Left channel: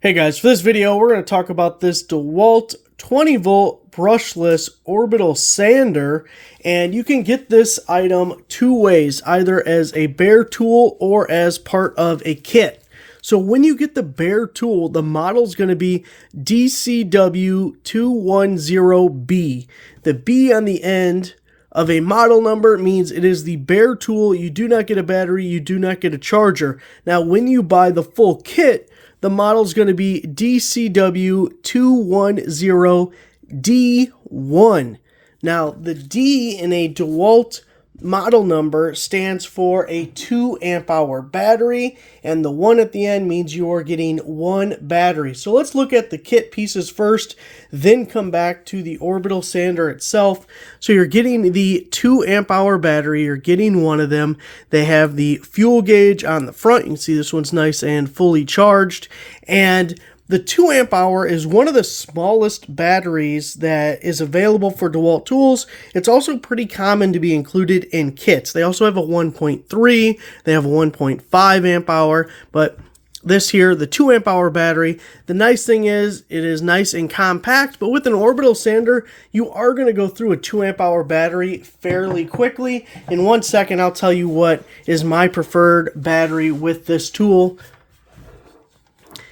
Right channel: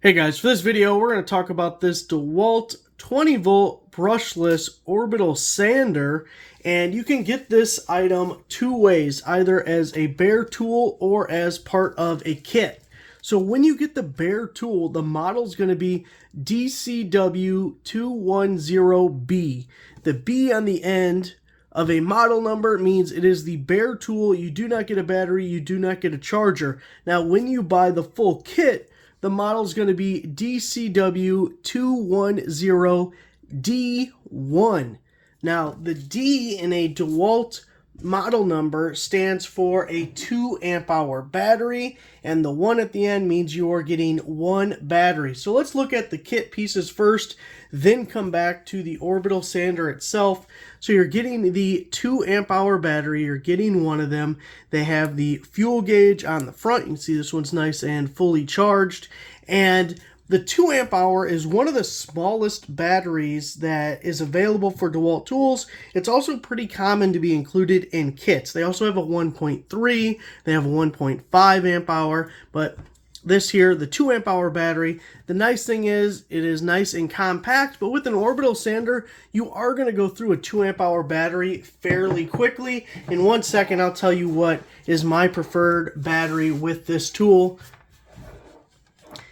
Hey guys, for this video we're going to talk about this DeWALT 20 volt brushless orbital sander, and you can get this item two ways, either as a bare tool or as part of a kit. So when you get the bare tool, the model is going to be DCW210B. The B on the end of a model number means it is the bare tool. You do not get a battery, you do not get a charger. Now when you buy the full kit, the model is going to be DCW210D1. Now, the D in a DeWALT model number stands for a 2 amp hour battery, and the 1 at the end means you are getting one battery. So let's look at the kit pieces first, then come back to the orbital sander itself. So you're getting the 2 amp hour battery, you're getting one of them. They have the fuel gauge on the front. You can see this one's nice and fully charged. And the 2 amp hour is one of the smallest batteries that is available for DeWALT tools. It's also pretty common to be included in kits. They also have a 1.3, they have a 1.5 amp hour, but this here, the 2 amp hour battery, the nice thing is it is nice and compact, but with an orbital sander, you are going to go through a 2 amp hour battery fairly quickly. In 1 second, I'll tell you what is my preferred battery with this tool.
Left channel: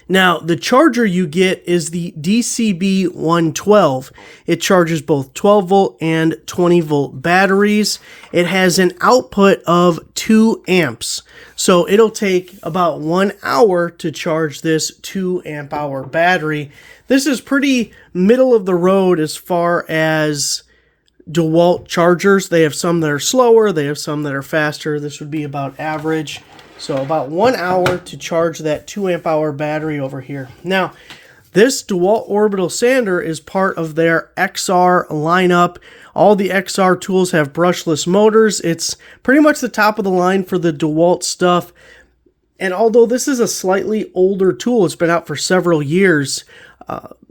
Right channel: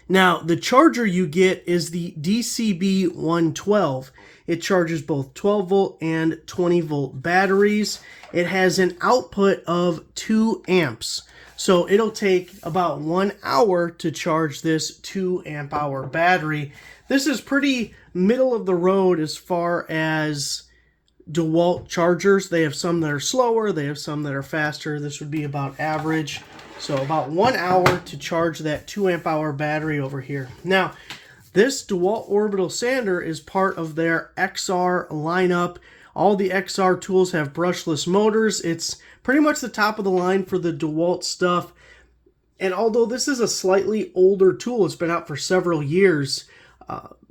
Now, the charger you get is the DCB112. It charges both 12 volt and 20 volt batteries. It has an output of 2 amps. So it'll take about 1 hour to charge this 2 amp hour battery. This is pretty middle of the road as far as DeWALT chargers. They have some that are slower, they have some that are faster. This would be about average. So about 1 hour to charge that 2 amp hour battery over here. Now, this DeWALT orbital sander is part of their XR lineup. All the XR tools have brushless motors. It's pretty much the top of the line for the DeWALT stuff. And although this is a slightly older tool, it's been out for several years,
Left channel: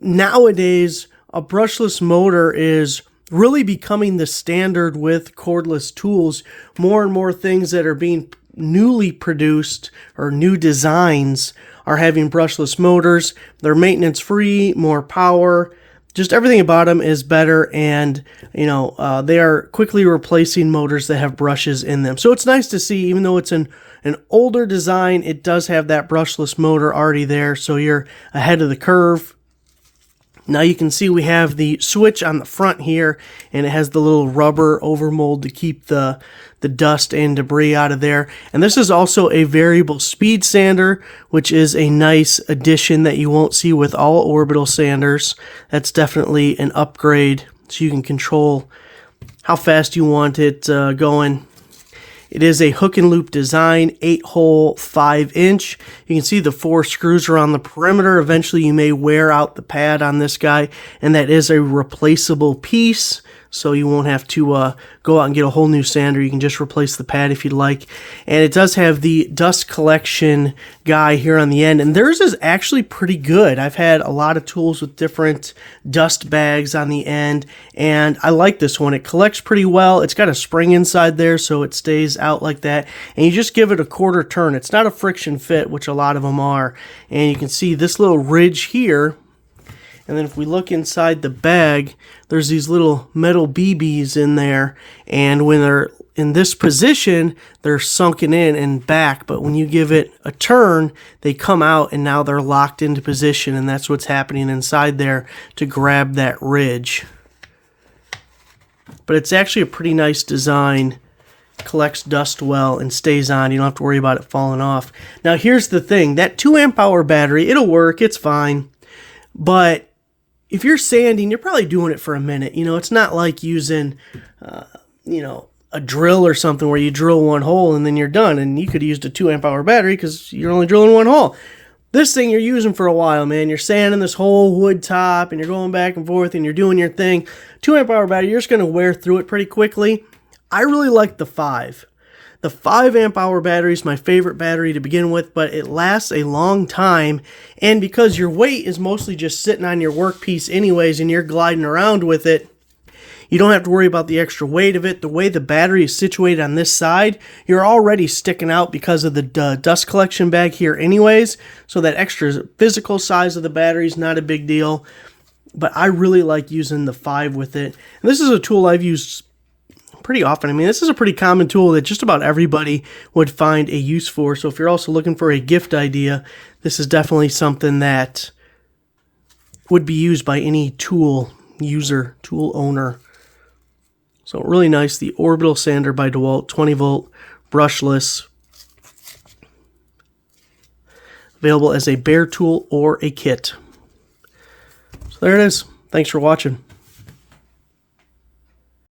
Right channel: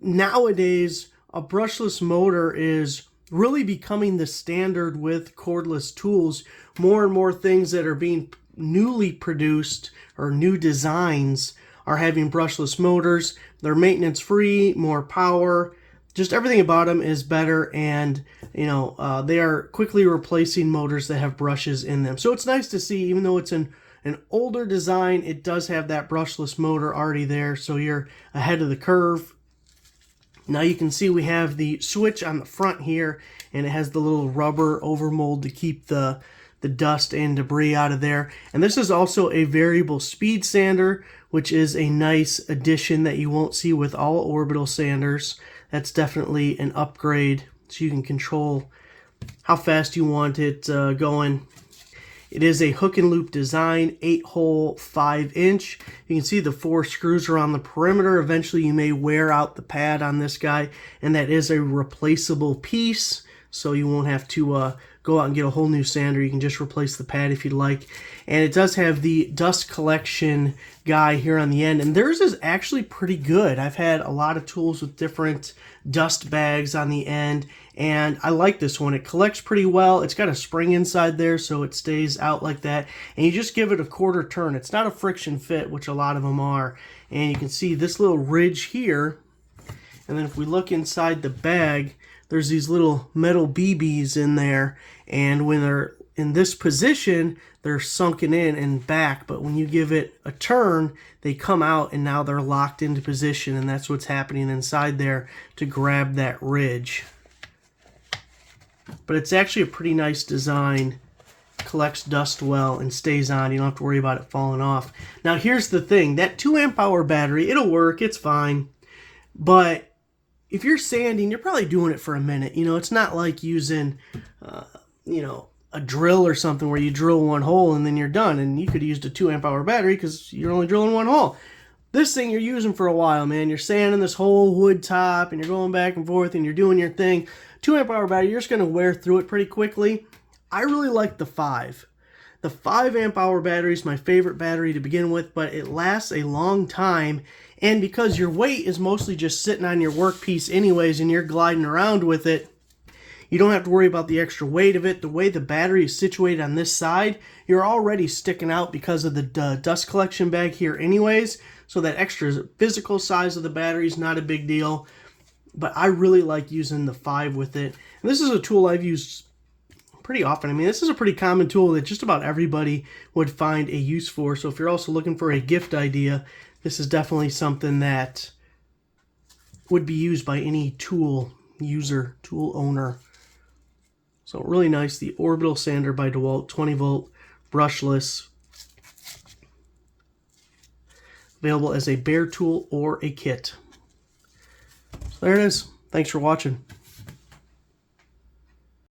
nowadays a brushless motor is really becoming the standard with cordless tools. More and more things that are being newly produced or new designs are having brushless motors. They're maintenance free, more power, just everything about them is better, and they are quickly replacing motors that have brushes in them. So it's nice to see, even though it's an older design, it does have that brushless motor already there, so you're ahead of the curve. Now you can see we have the switch on the front here, and it has the little rubber overmold to keep the dust and debris out of there. And this is also a variable speed sander, which is a nice addition that you won't see with all orbital sanders. That's definitely an upgrade, so you can control how fast you want it going. It is a hook and loop design, 8-hole, 5-inch. You can see the 4 screws around the perimeter. Eventually you may wear out the pad on this guy, and that is a replaceable piece, so you won't have to go out and get a whole new sander. You can just replace the pad if you'd like. And it does have the dust collection guy here on the end, and theirs is actually pretty good. I've had a lot of tools with different dust bags on the end, and I like this one. It collects pretty well. It's got a spring inside there, so it stays out like that, and you just give it a quarter turn. It's not a friction fit, which a lot of them are, and you can see this little ridge here. And then if we look inside the bag, there's these little metal BBs in there, and when they're in this position, they're sunken in and back, but when you give it a turn, they come out and now they're locked into position, and that's what's happening inside there to grab that ridge. But it's actually a pretty nice design. Collects dust well and stays on. You don't have to worry about it falling off. Now here's the thing, that 2 amp hour battery, it'll work, it's fine, but if you're sanding, you're probably doing it for a minute. It's not like using, a drill or something where you drill one hole and then you're done. And you could have used a 2 amp hour battery because you're only drilling one hole. This thing you're using for a while, man. You're sanding this whole wood top and you're going back and forth and you're doing your thing. 2 amp hour battery, you're just going to wear through it pretty quickly. I really like the 5. The 5 amp hour battery is my favorite battery to begin with, but it lasts a long time, and because your weight is mostly just sitting on your workpiece anyways and you're gliding around with it, You don't have to worry about the extra weight of it. The way the battery is situated on this side, you're already sticking out because of the dust collection bag here anyways. So that extra physical size of the battery is not a big deal. But I really like using the 5 with it. And this is a tool I've used pretty often. I mean, this is a pretty common tool that just about everybody would find a use for. So if you're also looking for a gift idea, this is definitely something that would be used by any tool user, tool owner. So really nice, the Orbital sander by DeWALT, 20 volt, brushless. Available as a bare tool or a kit. So there it is. Thanks for watching.